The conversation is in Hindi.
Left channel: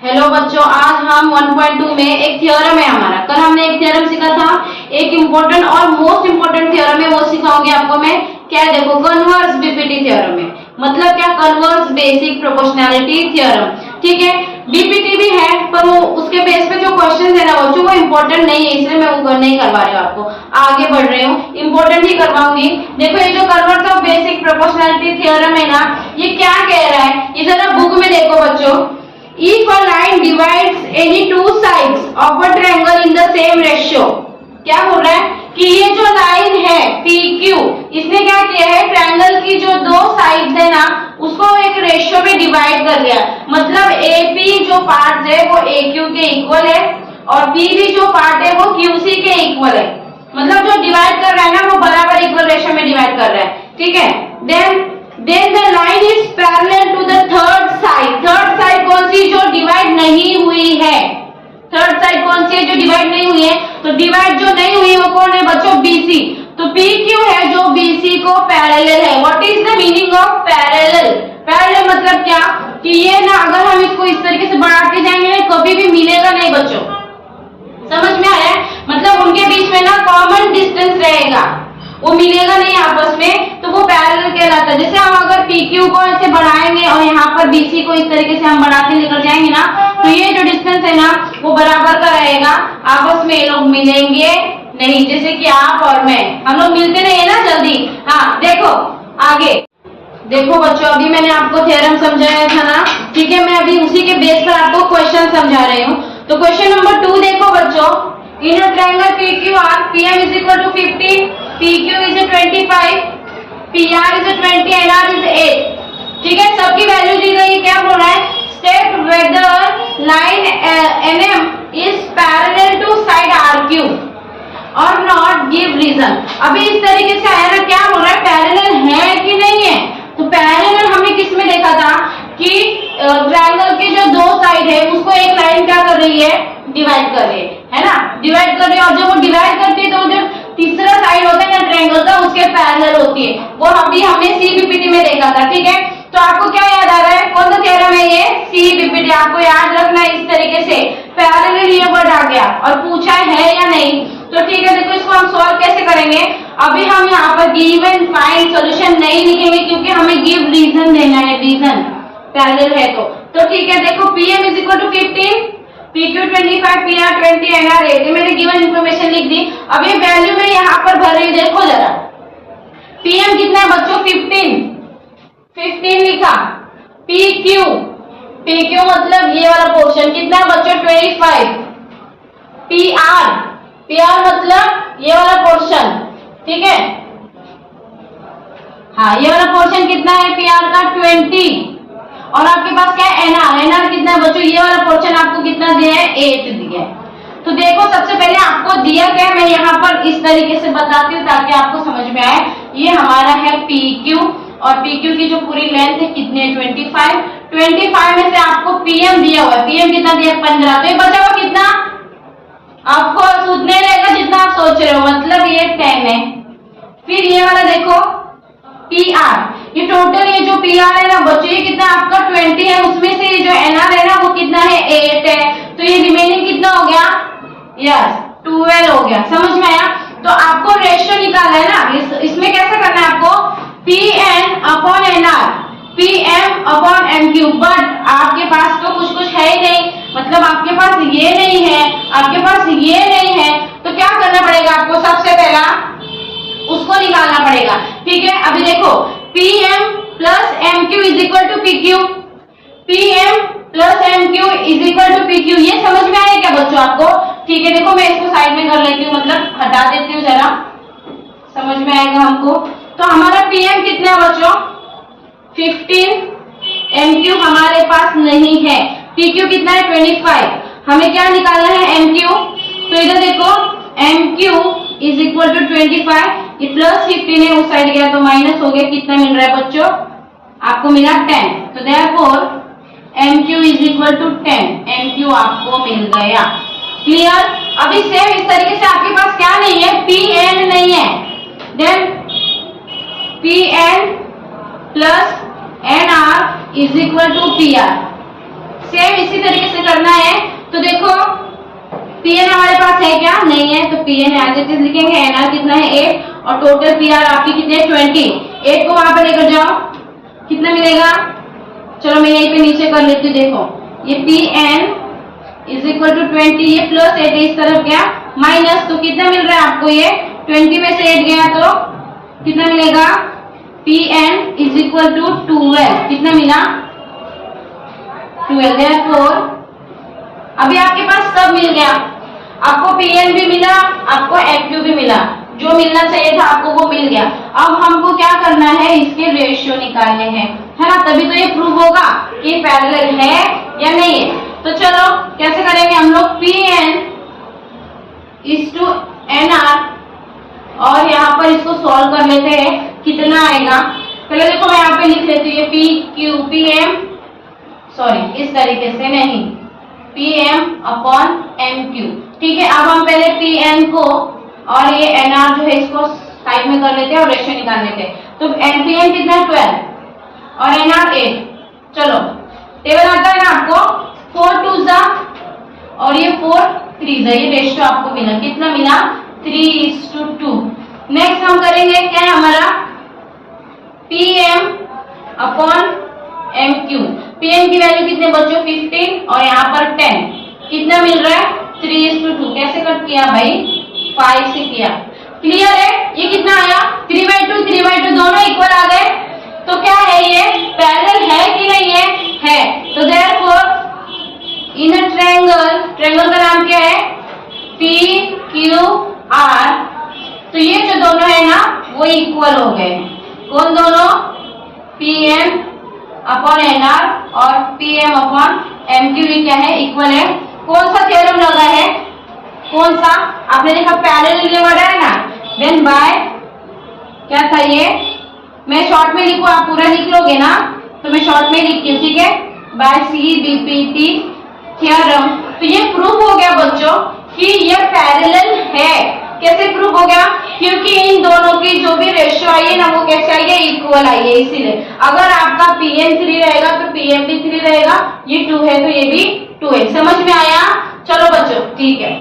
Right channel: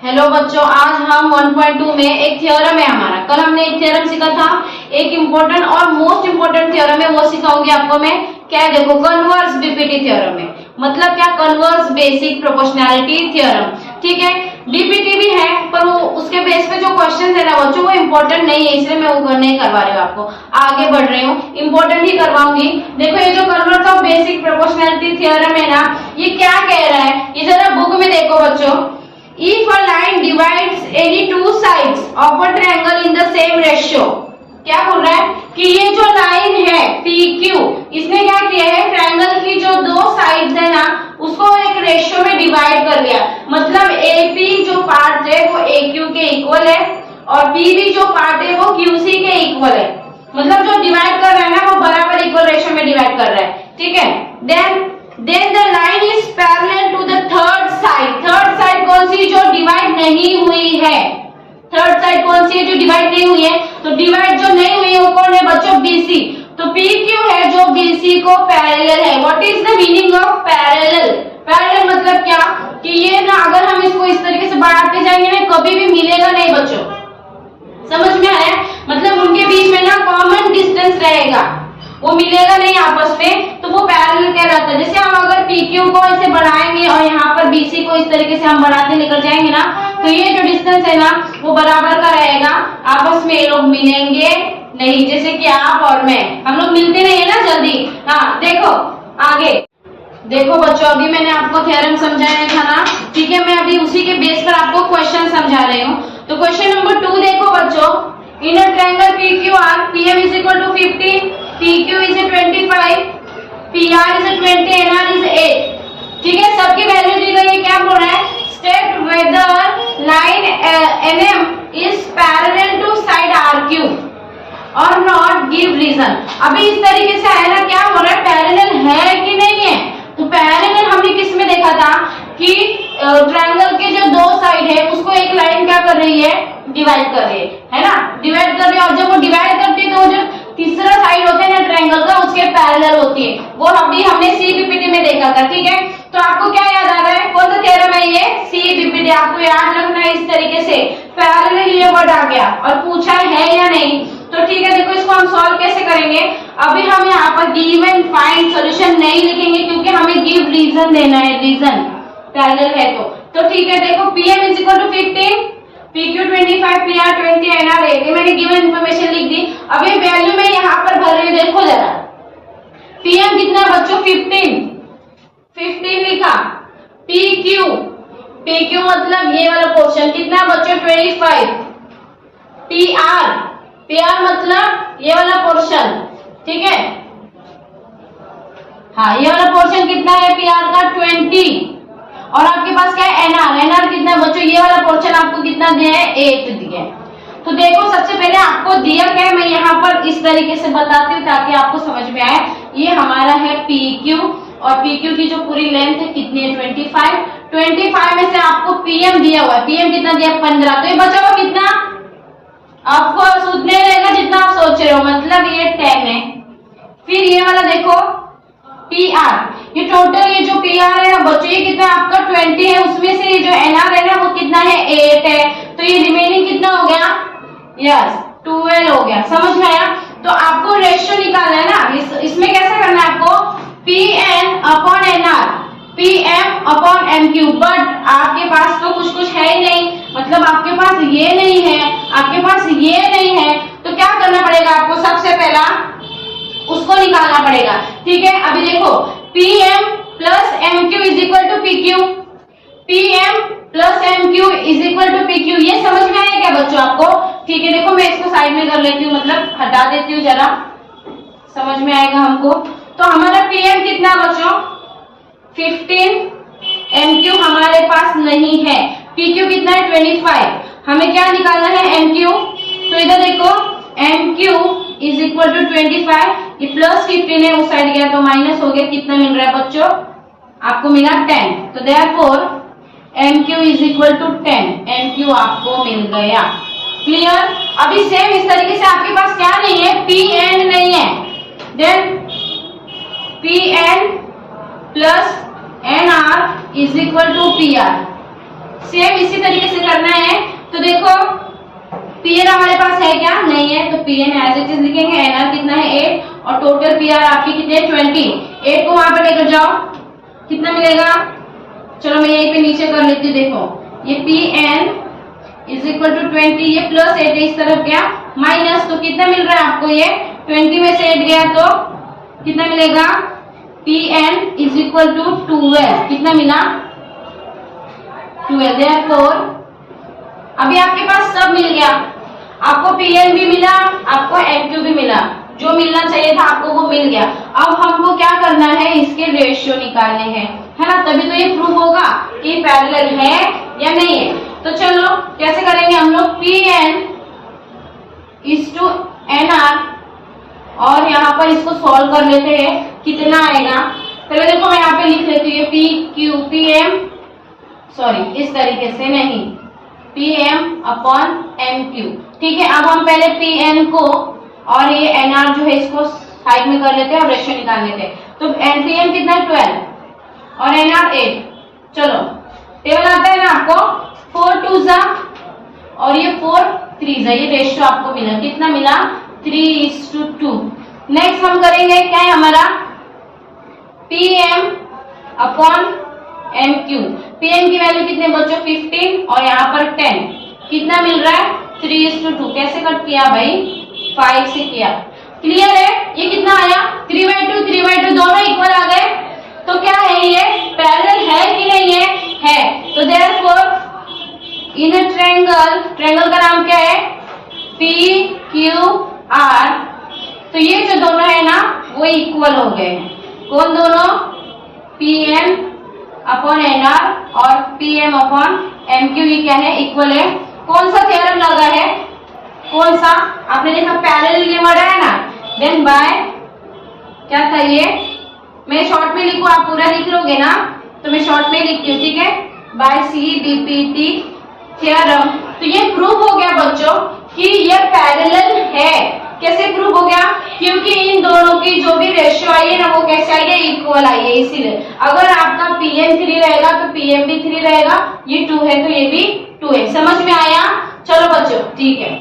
हेलो बच्चों, आज हम 1.2 में एक थ्योरम है हमारा। कल हमने एक थ्योरम सीखा था, एक इम्पोर्टेंट और मोस्ट इम्पोर्टेंट थ्योरम है, वो सिखाऊंगी आपको मैं। क्या है देखो, कन्वर्स बीपीटी थ्योरम है। मतलब क्या? Converse basic proportionality theorem. ठीक है, बीपीटी भी है पर वो उसके बेस पे जो क्वेश्चन है ना बच्चों, वो इम्पोर्टेंट नहीं है, इसलिए मैं वो नहीं करवा रही हूँ आपको। आगे बढ़ रही हूँ, इम्पोर्टेंट ही करवाऊंगी। देखो ये जो converse of basic proportionality theorem है ना, ये क्या कह रहा है, ये जरा बुक में देखो बच्चों। If a line divides any two sides of a triangle in the same ratio, क्या बोल रहा है कि ये जो लाइन है PQ, इसने क्या किया है, ट्रायंगल की जो दो साइड्स है ना, उसको एक रेशियो में डिवाइड कर दिया। मतलब AP जो पार्ट है वो AQ के इक्वल है और PB जो पार्ट है वो QC के इक्वल है। मतलब जो डिवाइड कर रहा है ना, वो बराबर इक्वल रेशियो में डिवाइड कर रहा है। ठीक है, then the line is parallel to the third side। Third side कौन सी? जो डिवाइड नहीं हुई है। थर्ड साइड कौन सी है? जो डिवाइड नहीं हुई है। तो डिवाइड जो नहीं हुई है वो कौन है बच्चों? BC। तो PQ है जो BC को पैरेलल है। What is the meaning of parallel? Parallel मतलब क्या कि ये ना, अगर हम इसको इस तरीके से बढ़ाते जाएंगे ना, कभी भी मिलेगा नहीं बच्चों। समझ में आया? मतलब उनके बीच में ना कॉमन डिस्टेंस रहेगा, वो मिलेगा नहीं आपस में, तो वो पैरेलल कहलाता है। जैसे हम अगर PQ को ऐसे बढ़ाएंगे और यहाँ पर BC को इस तरीके से हम बढ़ाते लेकर जाएंगे ना, तो ये जो डिस्टेंस है ना, वो बराबर का रहेगा। आपस में ये लोग मिलेंगे नहीं, जैसे कि आप और मैं, हम लोग मिलते नहीं है ना जल्दी। हाँ देखो आगे देखो बच्चों, अभी मैंने आपको थ्योरम समझाया था ना, ठीक है। मैं अभी उसी के बेस पर आपको क्वेश्चन समझा रही हूँ। तो क्वेश्चन नंबर 2 देखो बच्चों। In a triangle PQR, PM is equal to 50, PQ is 25, PR is 20, NR is 8। ठीक है, सबकी वैल्यू दी गई। क्या बोल रहा है? State whether line NM is parallel to side RQ और नॉट गिव रीजन। अभी इस तरीके से आया ना, क्या बोल रहा है, पैरेलल है कि नहीं है। तो पैरेलल हमने किस में देखा था कि ट्रायंगल के जो दो साइड है उसको एक लाइन क्या कर रही है, डिवाइड कर रही है ना, डिवाइड कर रही है। और जब वो डिवाइड करती है तो जो तीसरा साइड होता है ना ट्रायंगल का, उसके पैरेलल होती है। वो अभी हमने CBPT में देखा था। ठीक है, तो आपको क्या याद आ रहा है, कौन सा थ्योरम है ये? CBPT। आपको याद रखना है इस तरीके से। पैरेलल ये वर्ड आ गया और पूछा है या नहीं, तो ठीक है। देखो इसको हम सॉल्व कैसे करेंगे। अभी हम यहाँ पर गिव एंड फाइंड सॉल्यूशन नहीं लिखेंगे, क्योंकि हमें गिव रीजन देना है, रीजन पैरेलल है तो ठीक है। देखो PM is equal to 15, PQ 25, PR 20, NR 8। ये मैंने गिवन इंफॉर्मेशन लिख दी। अब ये वैल्यू मैं यहाँ पर भर रही हूँ, देखो जरा। PM कितना है बच्चों? 15 लिखा। PQ मतलब ये वाला पोर्शन कितना बच्चों? 25। PR मतलब ये वाला पोर्शन, ठीक है। हाँ, ये वाला पोर्शन कितना है PR का? 20। और आपके पास क्या है? NR कितना है बच्चों? ये वाला पोर्शन आपको कितना दिया है? 8 दिया है। तो देखो सबसे पहले आपको दिया क्या है, मैं यहाँ पर इस तरीके से बताती हूँ ताकि आपको समझ में आए। ये हमारा है PQ और PQ की जो पूरी लेंथ है कितनी है? 25 में से आपको PM दिया हुआ है। PM कितना दिया? 15। तो ये बचा हुआ कितना? आपको उतने रहेगा जितना आप सोच रहे हो, मतलब ये 10 है। फिर ये वाला देखो PR, ये टोटल ये जो PR है ना बच्चों, ये कितना आपका 20 है। उसमें से जो NR है ना वो कितना है? 8 है। तो ये रिमेनिंग कितना हो गया? यस 12 हो गया। समझ में आया? तो आपको रेशियो निकालना है ना, इसमें कैसा करना है आपको? PN upon NR, PM upon MQ। But आपके पास तो कुछ है ही नहीं, मतलब आपके पास ये नहीं है, आपके पास ये नहीं है, तो क्या करना पड़ेगा आपको? सबसे पहला उसको निकालना पड़ेगा। ठीक है, अभी देखो PM plus MQ is equal to PQ। PM plus MQ is equal to PQ। ये समझ में आया क्या बच्चों आपको? ठीक है, देखो मैं इसको साइड में कर लेती हूँ, मतलब हटा देती हूँ, जरा समझ में आएगा हमको। तो हमारा PM कितना बच्चों? 15। MQ हमारे पास नहीं है। PQ कितना है? 25। हमें क्या निकालना है? MQ। तो इधर देखो MQ इज इक्वल टू 25, ये प्लस 15 है, उस साइड गया तो माइनस हो गया। कितना मिल रहा है बच्चों? आपको मिला 10। तो therefore MQ is equal to 10। MQ आपको मिल गया। क्लियर? अभी सेम इस तरीके से आपके पास क्या नहीं है? PN नहीं है। Then PN plus NR is equal to PR। Same इसी तरीके से करना है। तो देखो Pn हमारे पास है क्या, नहीं है, तो Pn एज इट इज लिखेंगे। Nr कितना है 8 और टोटल Pr आपकी कितने 20। 8 को वहां पर लेकर जाओ, कितना मिलेगा, चलो मैं यहीं पे नीचे कर लेती हूँ। देखो ये Pn इज इक्वल टू 20, ये प्लस 8 इस तरफ गया माइनस, तो कितना मिल रहा है आपको, ये 20 में से 8 गया तो कितना मिलेगा, Pn इज इक्वल टू 12, कितना मिला 12। देयरफॉर अभी आपके पास सब मिल गया, आपको Pn भी मिला, आपको Mq भी मिला, जो मिलना चाहिए था आपको वो मिल गया। अब हमको क्या करना है, इसके रेशियो निकालने हैं, है ना, तभी तो ये प्रूव होगा कि पैरेलल है या नहीं है। तो चलो कैसे करेंगे हम लोग, Pn इज टू Nr, और यहाँ पर इसको सॉल्व कर लेते हैं, कितना आएगा। पहले देखो मैं यहाँ पे लिख लेती हूँ Pm, सॉरी इस तरीके से नहीं, Pm अपॉन Mq, ठीक है। अब हम पहले Pn को और ये Nr जो है इसको साइड में कर लेते हैं और रेशियो निकाल लेते हैं। तो Pn कितना 12 और Nr 8, चलो टेबल आता है ना आपको, 4 2 जा और ये 4 3 जा, ये रेशियो आपको मिला, कितना मिला 3:2। नेक्स्ट हम करेंगे क्या है हमारा, Pm अपॉन Mq। Pm की वैल्यू कितने बच्चों 15 और यहाँ पर 10, कितना मिल रहा है 3:2। कैसे कट किया भाई, 5 से किया, क्लियर है। ये कितना आया 3/2, 3/2 दोनों इक्वल आ गए, तो क्या है ये पैरेलल है कि नहीं है, तो देयरफॉर इन अ ट्रायंगल का नाम क्या है, PQR। तो ये जो दोनों है ना वो इक्वल हो गए हैं, कौन दोनों, Pn अपॉन Nr और Pm अपॉन Mq, ये क्या है इक्वल है। कौन सा थ्योरम लगा है, कौन सा, आपने देखा पैरेलल बढ़ा है ना, देन बाय क्या था ये, मैं शॉर्ट में लिखूं आप पूरा लिख लोगे ना, तो मैं शॉर्ट में लिखती हूँ, ठीक है, बाय CBPT थ्योरम। तो ये प्रूव हो गया बच्चों कि ये पैरेलल है। कैसे प्रूव हो गया, क्योंकि इन दोनों की जो भी रेशियो आई है ना वो कैसे आई है, इक्वल आई है। इसीलिए अगर आपका Pn 3 रहेगा तो Pm भी 3 रहेगा, ये 2 है तो ये भी 2 है। समझ में आया, चलो बच्चों ठीक है।